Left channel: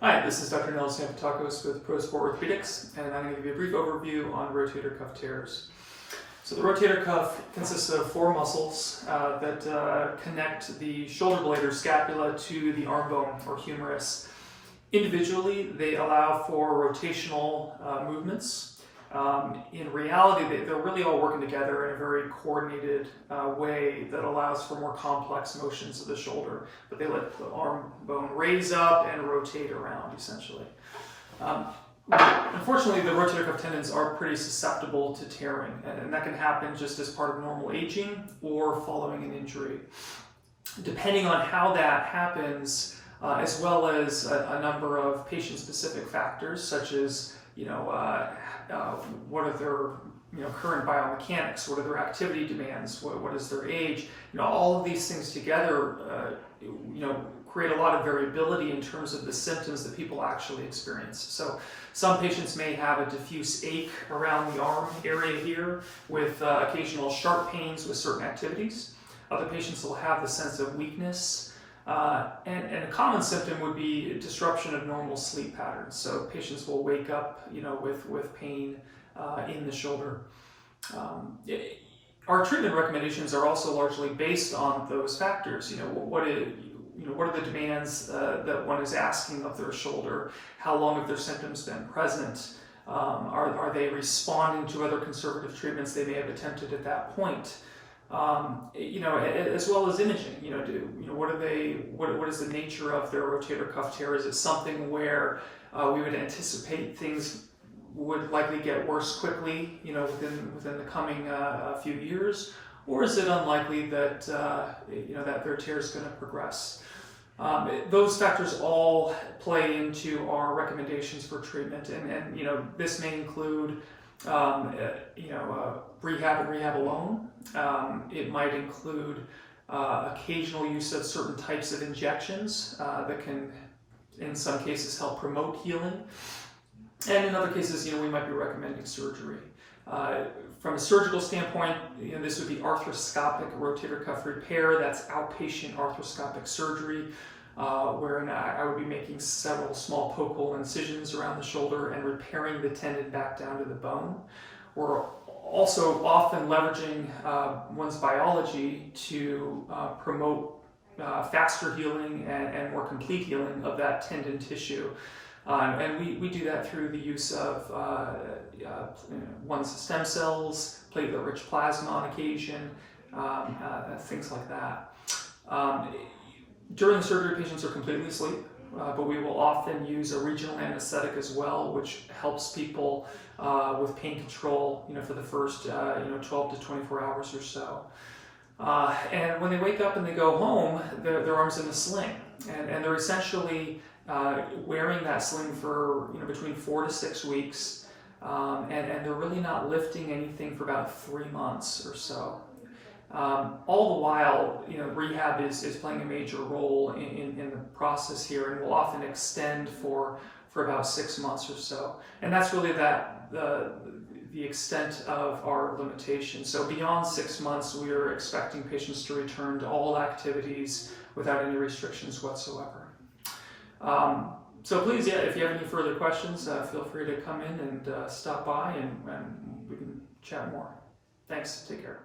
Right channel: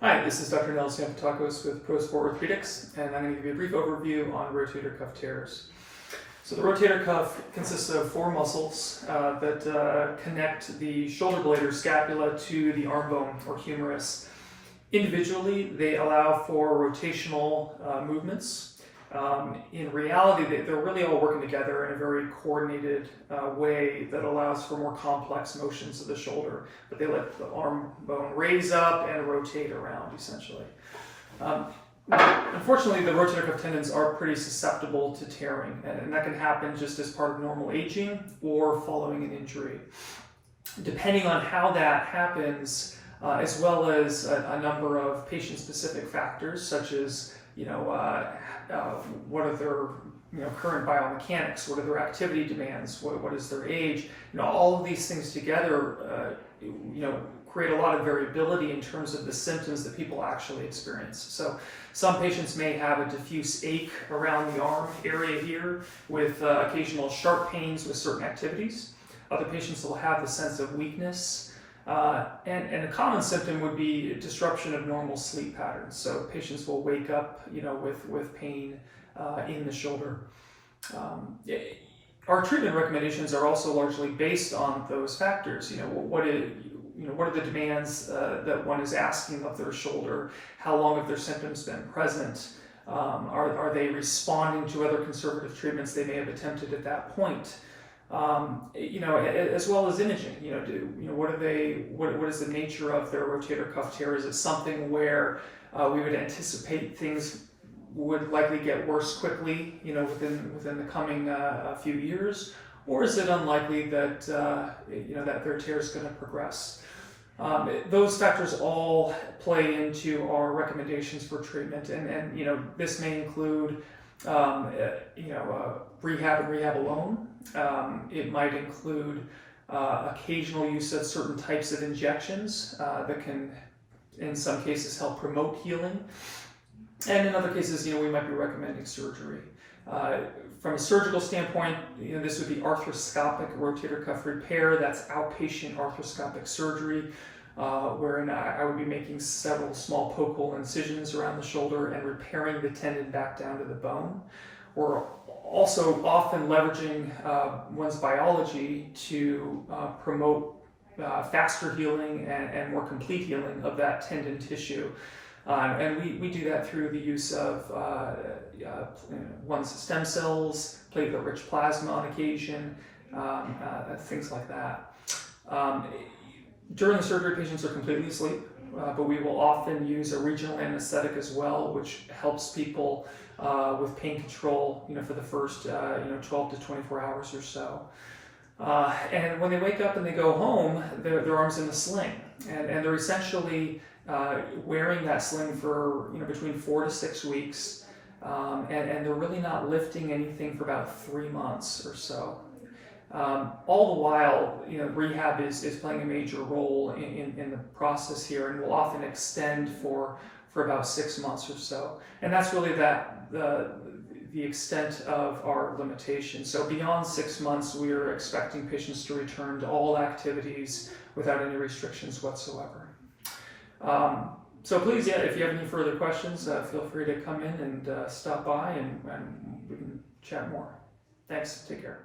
Hi, this is Dr. Nels Sampatacos with Pro Sport Orthopedics, and I'm going to give you a brief overview on rotator cuff tears. So the rotator cuff consists of four muscles that connect the shoulder blade or scapula to the arm bone or humerus. Individually, they allow for rotational movements. In reality, they're really all working together in a very coordinated way that allows for more complex motions of the shoulder, but they let the arm bone raise up and rotate around, essentially. Unfortunately, the rotator cuff tendons are pretty susceptible to tearing, and that can happen just as part of normal aging or following an injury. Depending on how that happens, as well as a number of patient-specific factors, such as what are their current biomechanics, what are their activity demands, what is their age, all of these things together create a lot of variability in terms of the symptoms that people actually experience. So some patients may have a diffuse ache around the arm area here with occasional sharp pains with certain activities. Other patients will have the sense of weakness. And a common symptom would be disruption of normal sleep patterns. So patients will wake up, with pain in the shoulder. Our treatment recommendations are also largely based on those factors. What are the demands that one is asking of their shoulder? How long have their symptoms been present? Are they responding to other conservative treatments they may have attempted at that point? As well as imaging. What is the nature of their rotator cuff tear? Is it something where we would anticipate things would likely get worse quickly, within the coming few years, or is it unlikely that that their tear is going to progress? Those factors all play into our recommendations for treatment, and this may include rehab and rehab alone. It might include occasional use of certain types of injections that can, in some cases, help promote healing. And in other cases, we might be recommending surgery. From a surgical standpoint, this would be arthroscopic rotator cuff repair. That's outpatient arthroscopic surgery, wherein I would be making several small poke hole incisions around the shoulder and repairing the tendon back down to the bone. We're also often leveraging one's biology to promote faster healing and more complete healing of that tendon tissue. And we do that through the use of one's stem cells, platelet-rich plasma on occasion, things like that. During the surgery, patients are completely asleep, but we will often use a regional anesthetic as well, which helps people with pain control, for the first 12 to 24 hours or so. And when they wake up and they go home, their arm's in a sling, and they're essentially wearing that sling for between 4 to 6 weeks, and they're really not lifting anything for about 3 months or so. All the while, rehab is playing a major role in the process here, and will often extend for about 6 months or so. And that's really the extent of our limitation. So beyond 6 months, we are expecting patients to return to all activities without any restrictions whatsoever. So please, if you have any further questions, feel free to come in and stop by, and we can chat more. Thanks. Take care.